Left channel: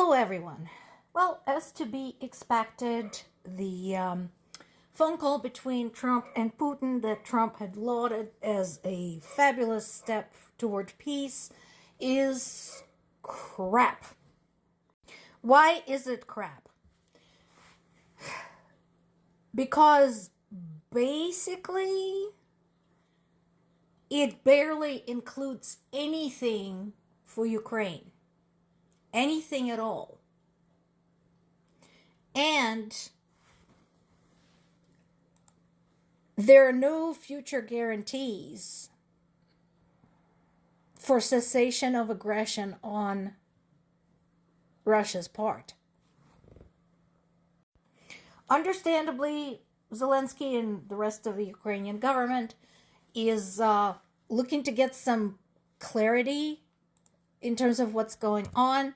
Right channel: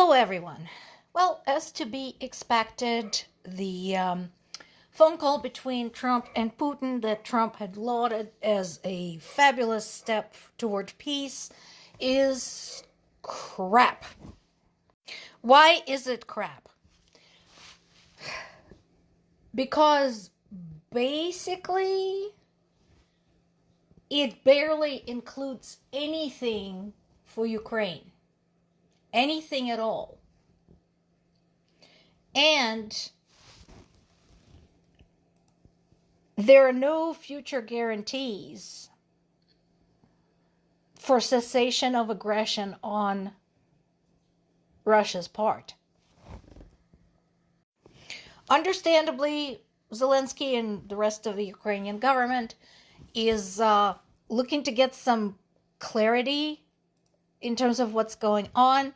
Hello, everyone. Well, as to be expected, the phone call between Trump and Putin that Trump had lauded as a fabulous step toward peace is crap. Why is it crap? Because basically it barely includes anything for Ukraine. Anything at all. And there are no future guarantees for cessation of aggression on Russia's part. Understandably, Zelensky and the rest of the Ukrainian government is looking to get some clarity in terms of what's going on.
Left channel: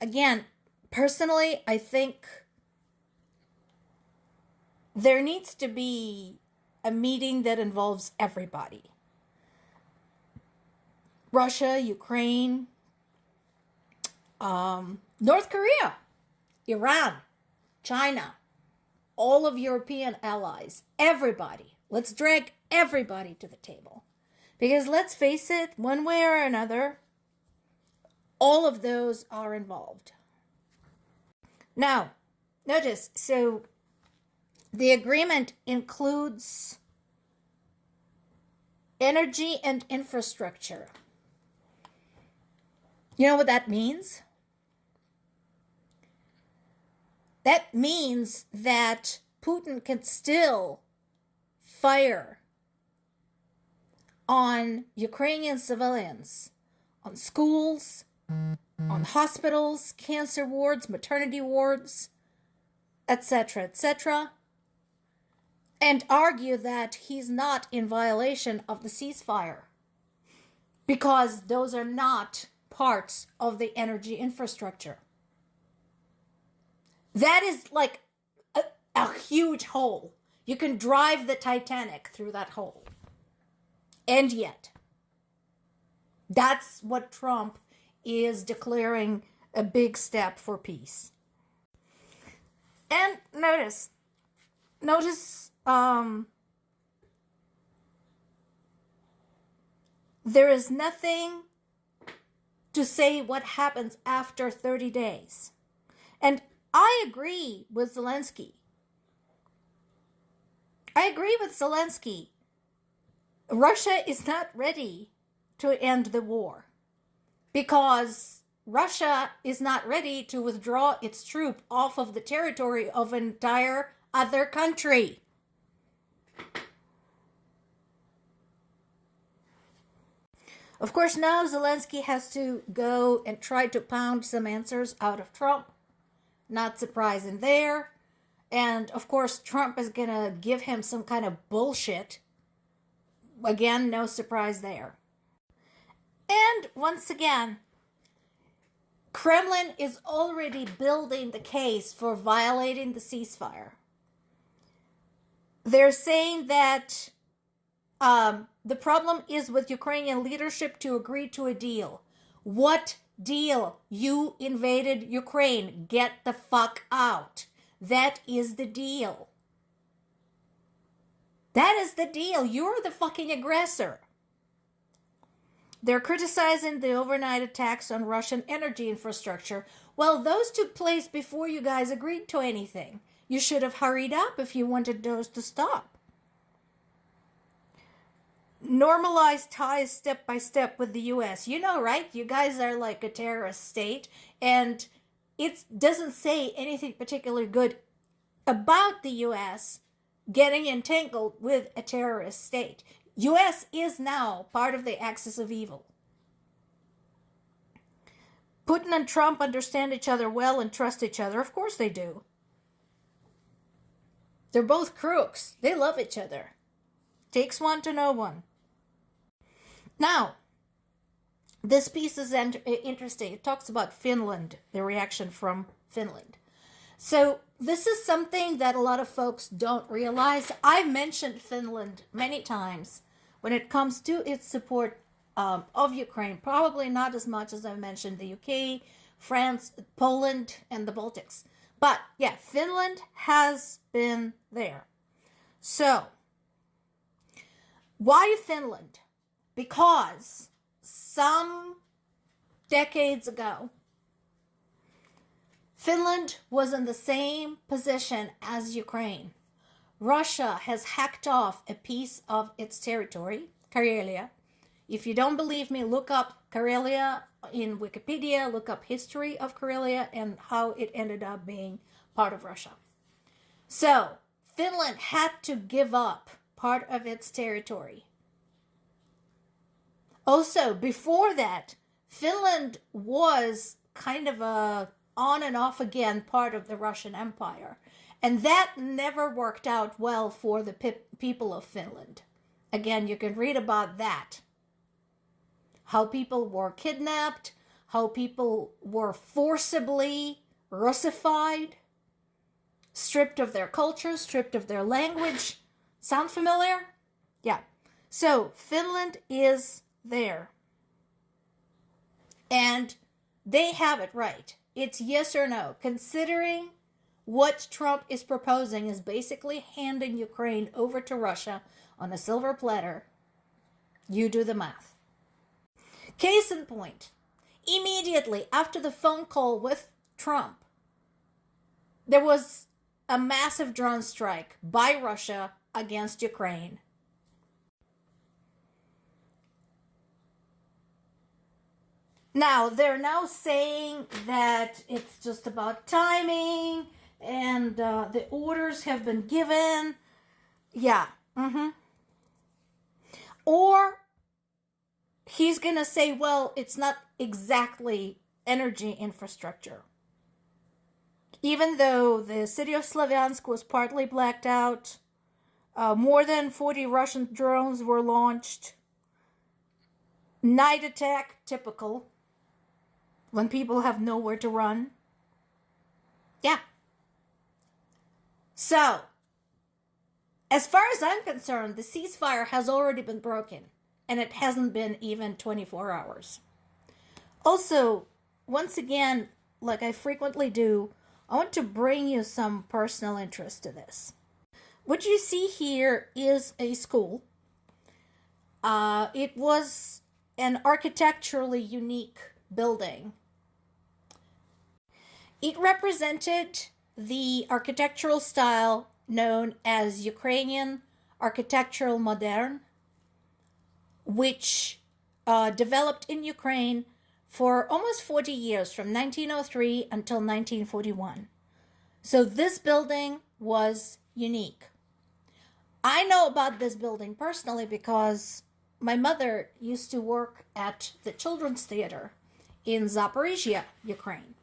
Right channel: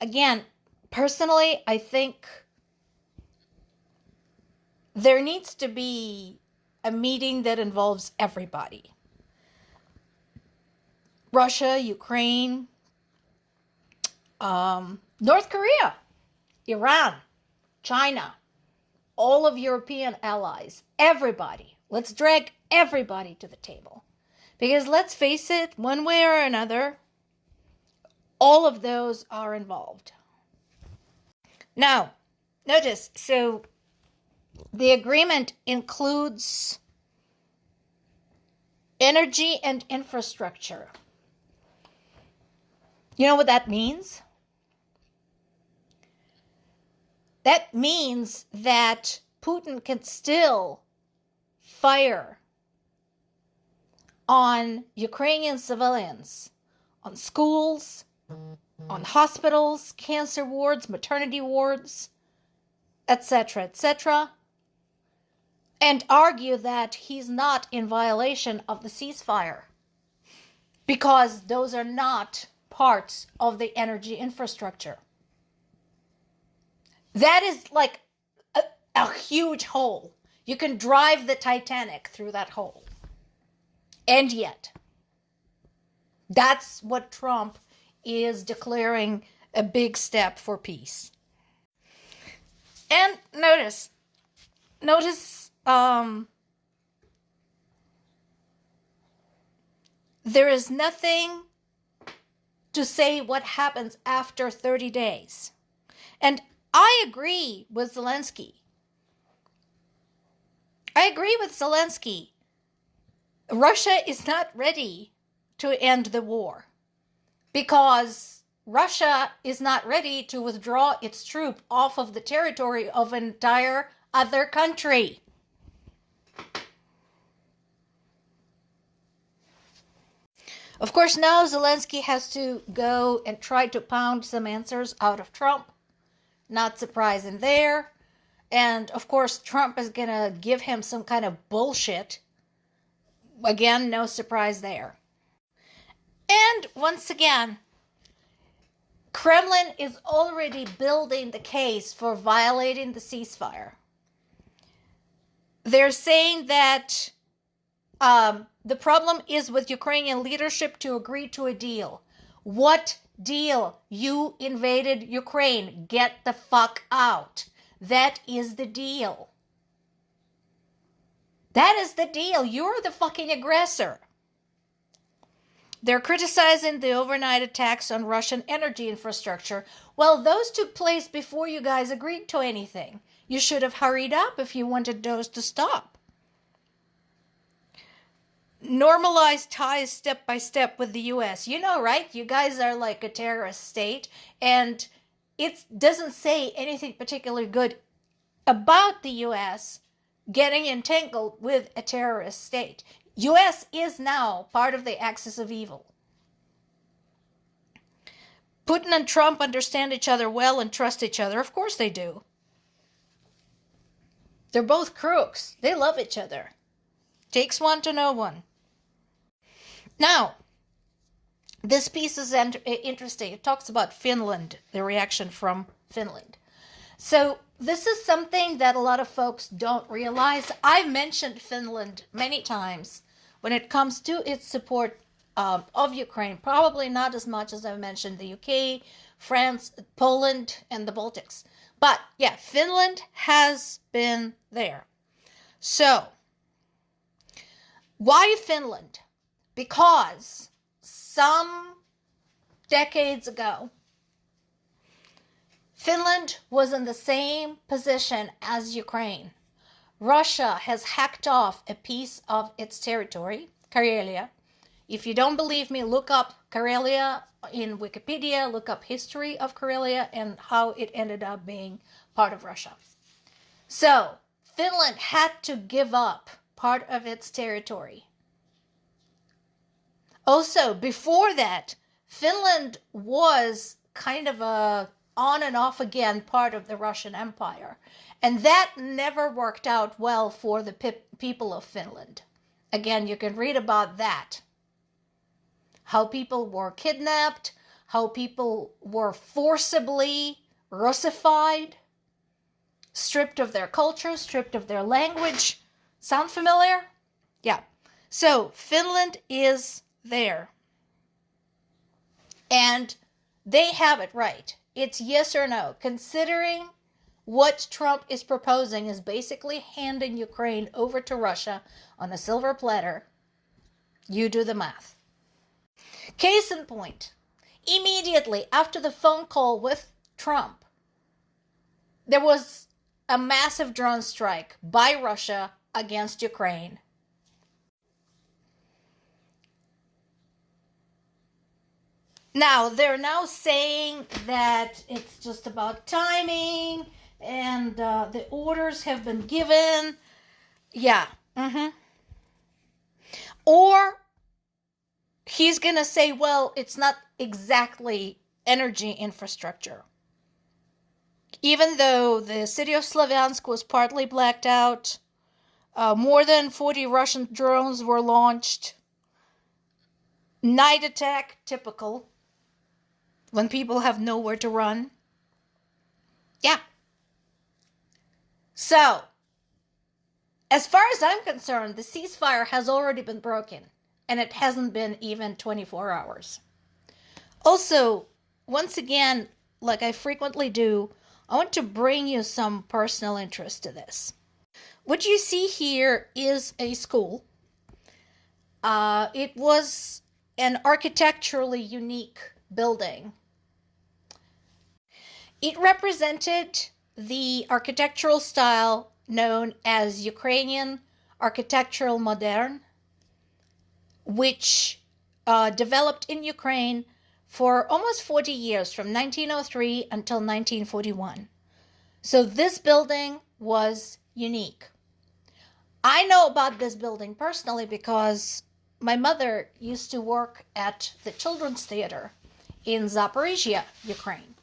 Again, personally, I think there needs to be a meeting that involves everybody. Russia, Ukraine, North Korea, Iran, China, all of European allies, everybody. Let's drag everybody to the table. Because let's face it, one way or another, all of those are involved. Now, notice, so the agreement includes energy and infrastructure. You know what that means? That means that Putin can still fire on Ukrainian civilians, on schools, on hospitals, cancer wards, maternity wards, etc., etc., and argue that he's not in violation of the ceasefire because those are not parts of the energy infrastructure. That is like a huge hole. You can drive the Titanic through that hole. And yet, that's what Trump is declaring a big step for peace. And notice, there is nothing to say what happens after 30 days. And I agree with Zelensky. Russia is not ready to end the war because Russia is not ready to withdraw its troop off of the territory of an entire other country. Of course, now Zelensky has to go and try to pound some answers out of Trump. Not surprising there. And of course, Trump is going to give him some kind of bullshit. Again, no surprise there. And once again, Kremlin is already building the case for violating the ceasefire. They're saying that the problem is with Ukrainian leadership to agree to a deal. What deal? You invaded Ukraine. Get the fuck out. That is the deal. That is the deal. You're the fucking aggressor. They're criticizing the overnight attacks on Russian energy infrastructure. Well, those took place before you guys agreed to anything. You should have hurried up if you wanted those to stop. Normalize ties step by step with the U.S. You know, right? You guys are like a terrorist state, and it doesn't say anything particularly good about the U.S. getting entangled with a terrorist state. U.S. is now part of the axis of evil. Putin and Trump understand each other well and trust each other. Of course they do. They're both crooks. They love each other. Takes one to know one. Now, this piece is interesting. It talks about Finland, the reaction from Finland. So this is something that a lot of folks don't realize. I've mentioned Finland many times when it comes to its support of Ukraine. Probably not as much as I've mentioned the UK France, Poland, and the Baltics. But yeah, Finland has been there. So, why Finland? Because some decades ago, Finland was in the same position as Ukraine. Russia has hacked off a piece of its territory, Karelia. If you don't believe me, look up Karelia in Wikipedia, look up history of Karelia and how it ended up being part of Russia. So, Finland had to give up part of its territory. Also, before that, Finland was kind of a on and off again part of the Russian Empire. And that never worked out well for the people of Finland. Again, you can read about that. How people were kidnapped, how people were forcibly Russified, stripped of their culture, stripped of their language. Sound familiar? Yeah. So Finland is there. And they have it right. It's yes or no. Considering what Trump is proposing is basically handing Ukraine over to Russia on a silver platter. You do the math. Case in point, immediately after the phone call with Trump, there was a massive drone strike by Russia against Ukraine. Now, they're now saying that it's just about timing and the orders have been given. Yeah. Or he's going to say, well, it's not exactly energy infrastructure. Even though the city of Slavyansk was partly blacked out, more than 40 Russian drones were launched. Night attack, typical. When people have nowhere to run. Yeah. So, as far as I'm concerned, the ceasefire has already been broken. And it hasn't been even 24 hours. Also, once again, like I frequently do, I want to bring you some personal interest to this. What you see here is a school. It was an architecturally unique building. It represented the architectural style known as Ukrainian architectural modern, which developed in Ukraine for almost 40 years, from 1903 until 1941. So this building was unique. I know about this building personally because my mother used to work at the Children's Theater in Zaporizhia, Ukraine.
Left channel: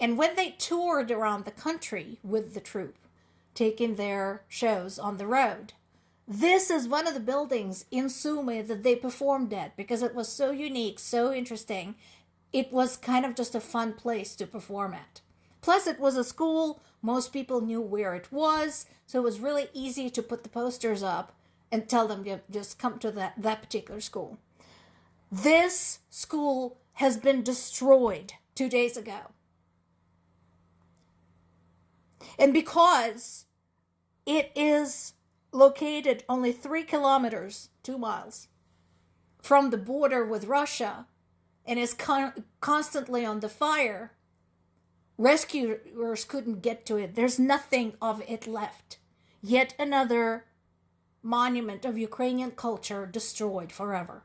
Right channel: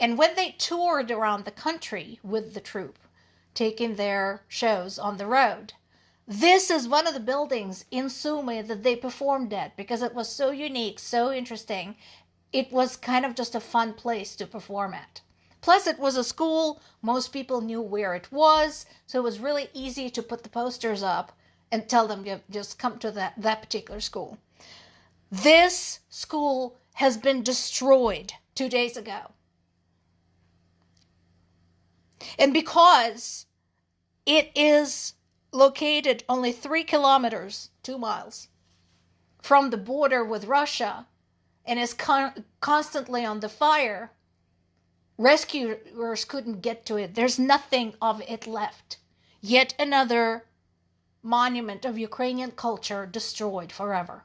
And when they toured around the country with the troupe, taking their shows on the road, this is one of the buildings in Sumy that they performed at because it was so unique, so interesting. It was kind of just a fun place to perform at. Plus, it was a school. Most people knew where it was, so it was really easy to put the posters up and tell them to just come to that particular school. This school has been destroyed 2 days ago. And because it is located only 3 kilometers, 2 miles, from the border with Russia and is constantly on the fire, rescuers couldn't get to it. There's nothing of it left. Yet another monument of Ukrainian culture destroyed forever.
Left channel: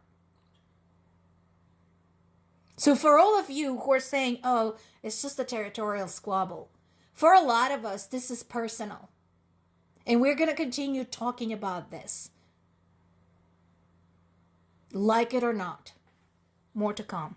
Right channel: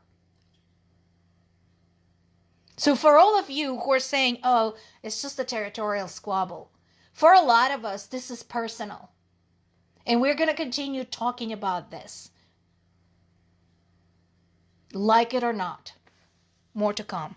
So for all of you who are saying, oh, it's just a territorial squabble, for a lot of us, this is personal. And we're going to continue talking about this. Like it or not. More to come.